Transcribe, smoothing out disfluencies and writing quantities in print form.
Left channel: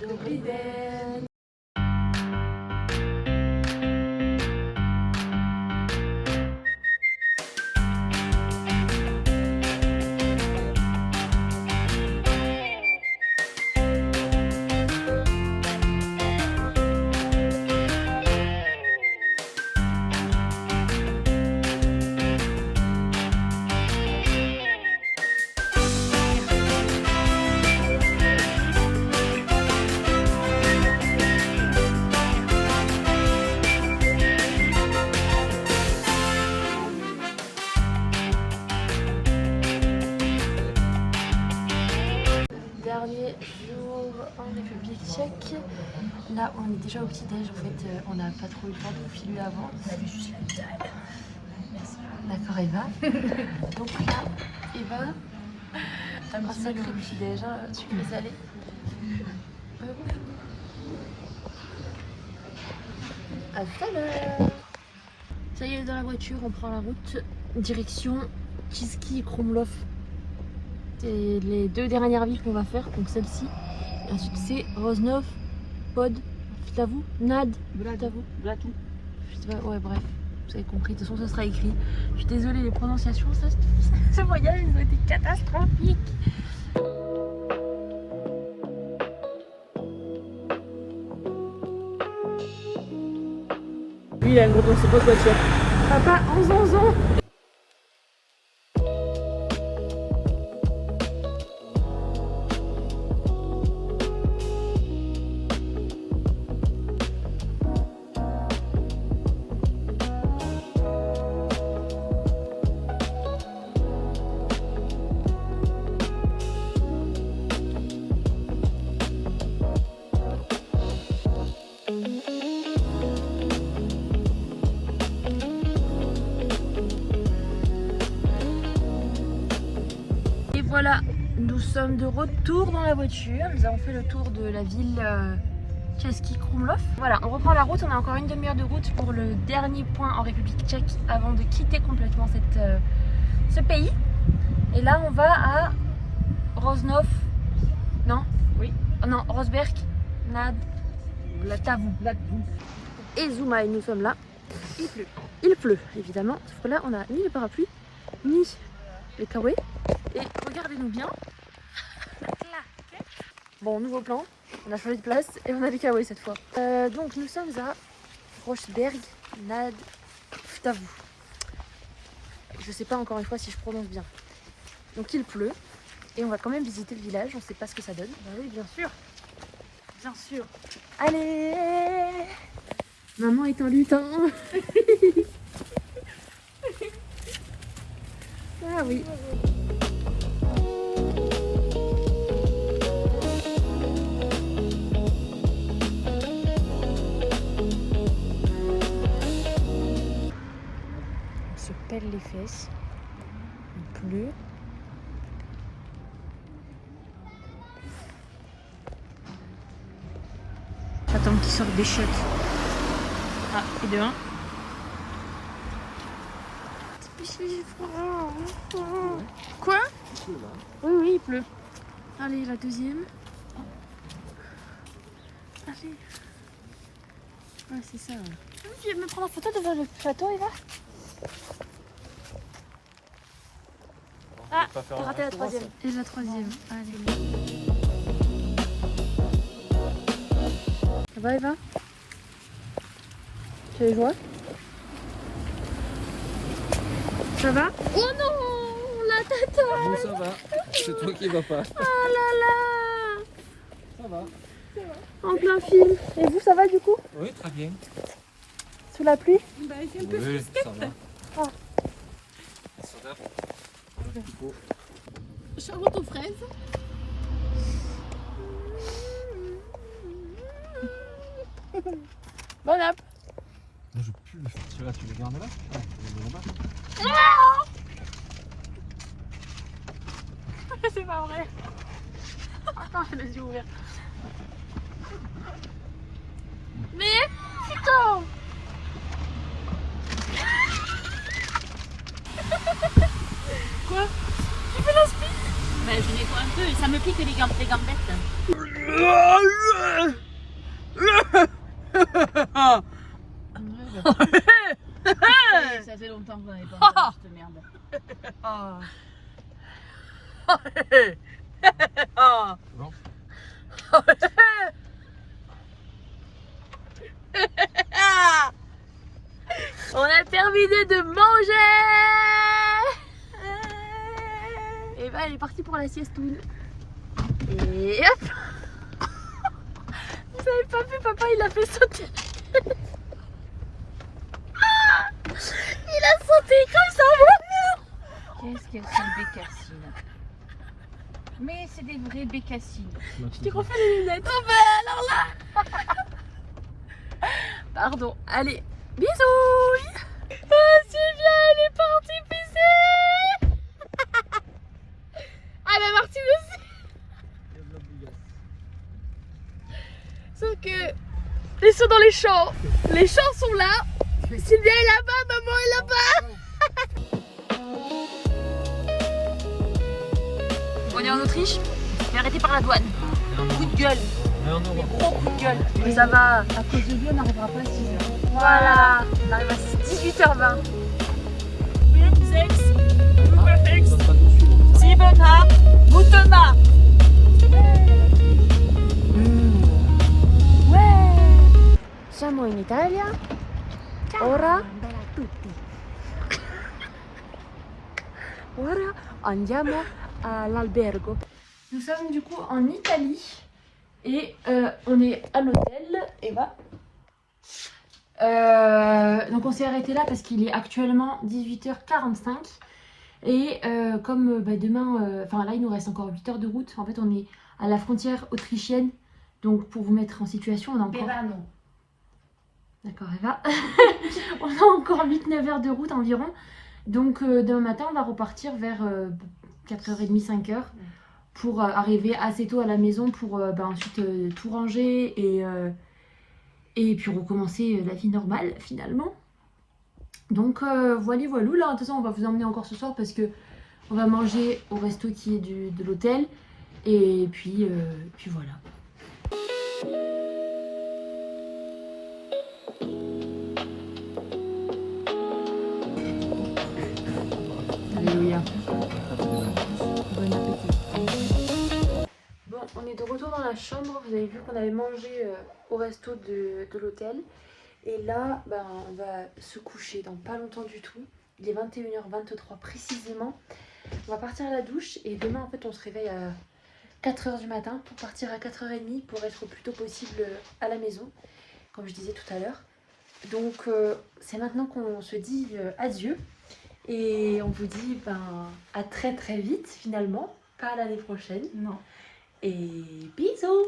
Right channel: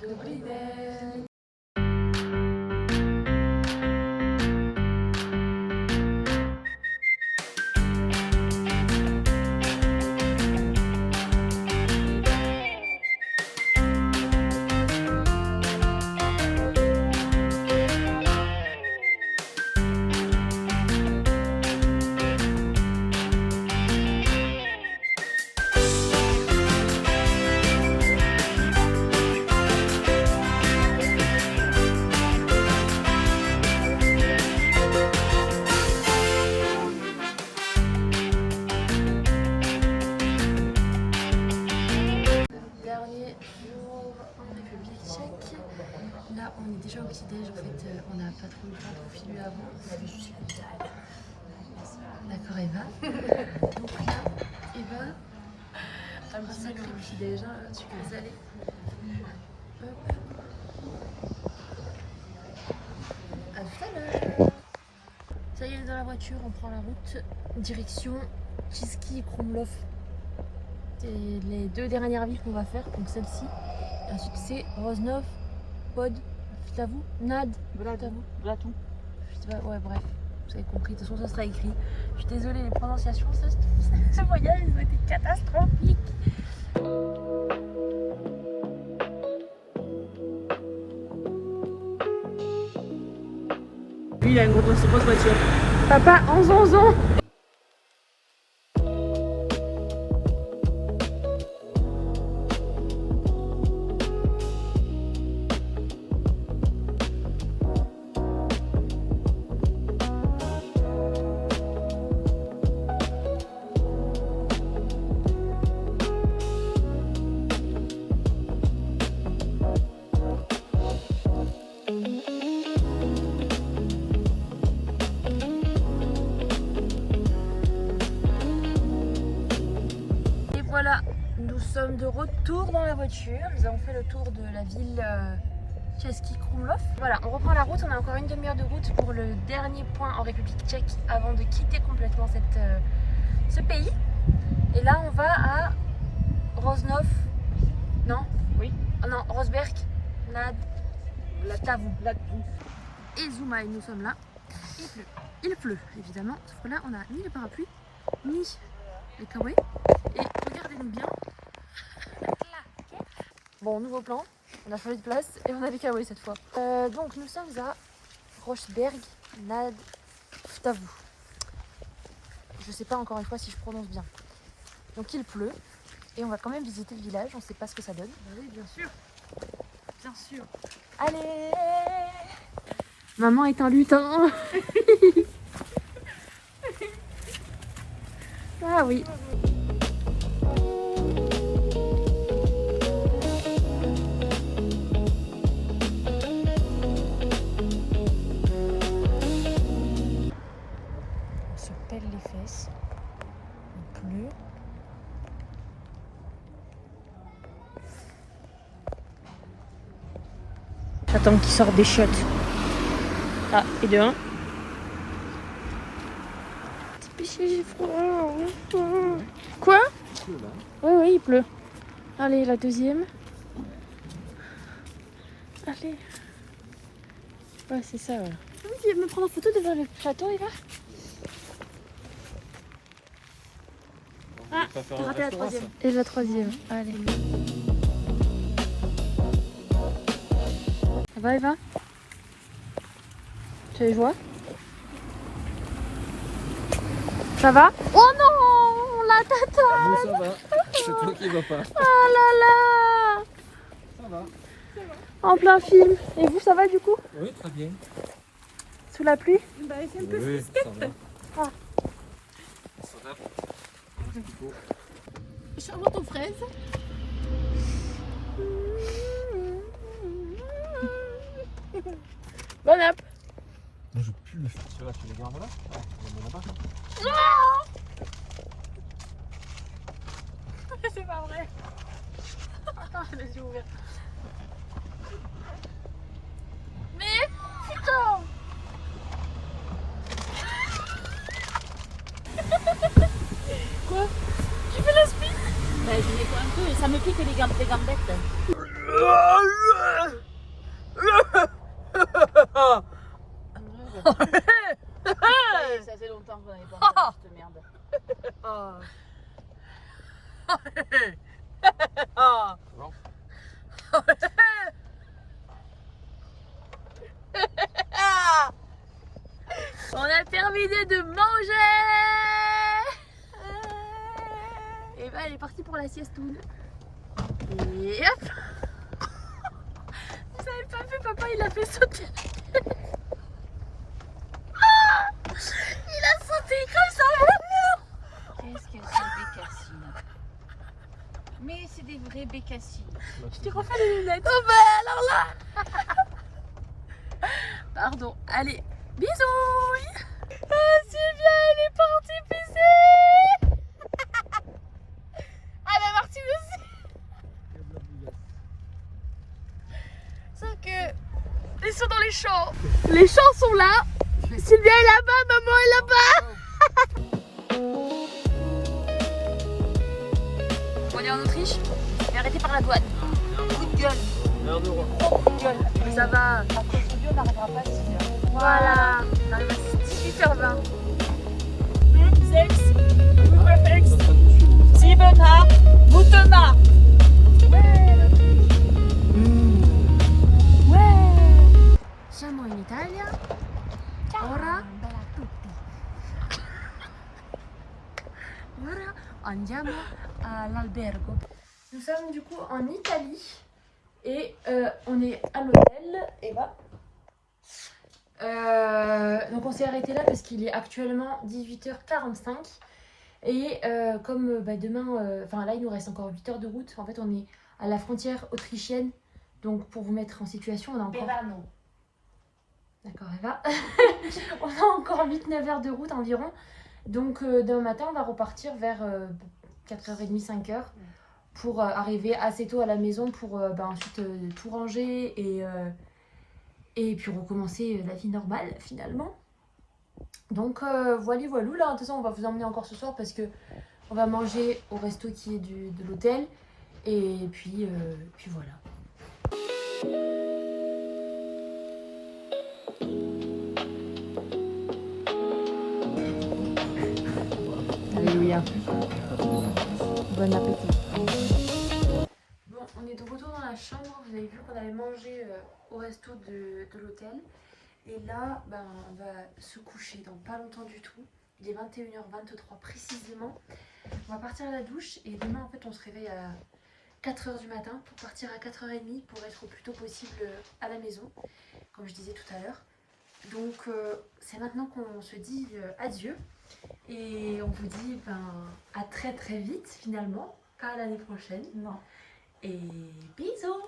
Dobrý den. Dernier jour en République tchèque. Là, on est déjà au petit-déj. En fait, on n'a pas trop eu le temps de filer avant. Juste une dalle. D'accord, Eva. Donc là, Eva, un petit salé au petit-déj, sucré salé. À tout à l'heure. Ça y est, dans la voiture, on prend la route direction Kiski Krumlov. C'est les deux dernières villes qu'on va faire, donc celle-ci. Et ensuite c'est Rožnov, Pod, Vltavou, Nad, Vltavou, Vlatou. Je sais pas, ouais bref, vous avez compris, de toute façon ça sera écrit. Je suis désolée, les prononciations, ce voyage ils ont été catastrophiques. Lui il a une grosse voiture. Papa, en zonzon. Voilà, nous sommes de retour dans la voiture. Nous avons fait le tour de la ville Kiski Krumlov. Voilà, on reprend la route. On a encore une demi-heure de route pour le dernier point en République tchèque avant de quitter complètement ce pays. Et là, on va à Rožnov. Non? Oui. Oh non, Rosberg, Nad, Vltavou. Et Zoumaï, nous sommes là. Il pleut. Il pleut, évidemment. Sauf que là, on n'a ni le parapluie, ni les kawaii. Et regardez-nous bien. Bon, nouveau plan. On a changé de place et on a les kawaii cette fois. Donc nous sommes à Rosberg Nad Vltavou. Je sais pas encore une fois si je prononce bien. Donc il pleut et on va quand même visiter le village. On sait pas ce que ça donne. Bah oui, bien sûr. Bien sûr. Allez, maman est un lutin. Ah oui. On se pèle les fesses. Il pleut. J'attends qu'il sorte des shots. Ah, et de un. J'ai froid. Quoi? Oui, oui, il pleut. Allez, la deuxième. Allez. Ouais, c'est ça. Ouais. Tu veux me prendre en photo devant le château, Eva? Ah, t'as raté la troisième. Et la troisième. Allez. Ça va, Eva? Tu les vois? Ça va? Oh non, la tata! Bon, ça va, c'est toi qui vas pas. Oh là là! Ça va. En plein film. Et vous, ça va du coup? Oui, très bien. Sous la pluie? Bah c'est un peu Oui, frisquette. ça va. Ça va. Charlotte aux fraises. Bon app! Moi, je peux plus le sortir là, tu les gardes là? C'est pas vrai! Attends, je les yeux ouverts. Mais putain! Quoi? Tu fais la spin? Bah je les vois un peu et ça me pique les gambettes. Ça fait longtemps qu'on n'avait pas mangé cette merde. Bon. On a terminé de manger. Et bah elle est partie pour la siestoune. Et hop. Vous avez pas vu, papa il a fait sauter. Il a sauté comme ça. Qu'est-ce qu'elle fait, bécassine? Mais c'est des vraies bécassines. Je t'ai refait les lunettes. Oh bah alors là. Pardon. Allez, bisous. Oh c'est bien, elle est partie pisser. Ah bah Martine aussi. Sauf que ils sont dans les champs. Les champs sont là. Sylvia est là-bas, maman est là-bas. On est en Autriche, mais arrêté par la douane. Coup de gueule. Mais gros coup de gueule. Mais ça va. À cause de lui, on n'arrivera pas à 6 heures. Voilà. On arrive à 18h20. 7 guten Tag. Siamo in Italia. Ora andiamo all'albergo. Nous sommes du coup en Italie et on est à l'hôtel Eva. Donc on s'est arrêté là parce qu'il est actuellement 18h45 et comme demain, enfin là il nous reste encore 8 heures de route. En fait on est à la frontière autrichienne, donc pour vous mettre en situation on a encore... non. D'accord Eva. On a encore 8-9 heures de route environ. Donc demain matin on va repartir vers 4h30, 5h pour arriver assez tôt à la maison pour ensuite tout ranger et puis recommencer la vie normale finalement. Donc voilà. Là de toute façon on va vous emmener encore ce soir parce que on va manger au resto qui est de l'hôtel et puis voilà. Alléluia. Bon appétit. Bon, on est de retour dans la chambre. Vous avez vu qu'on avait mangé au resto de l'hôtel. Et là, on va se coucher dans pas longtemps du tout. Il est 21h23 précisément. On va partir à la douche et demain en fait on se réveille à 4h du matin pour partir à 4h30 pour être le plus tôt possible à la maison, comme je disais tout à l'heure. Donc c'est maintenant qu'on se dit adieu et on vous dit à très très vite finalement, pas à l'année prochaine. Non. Et bisous.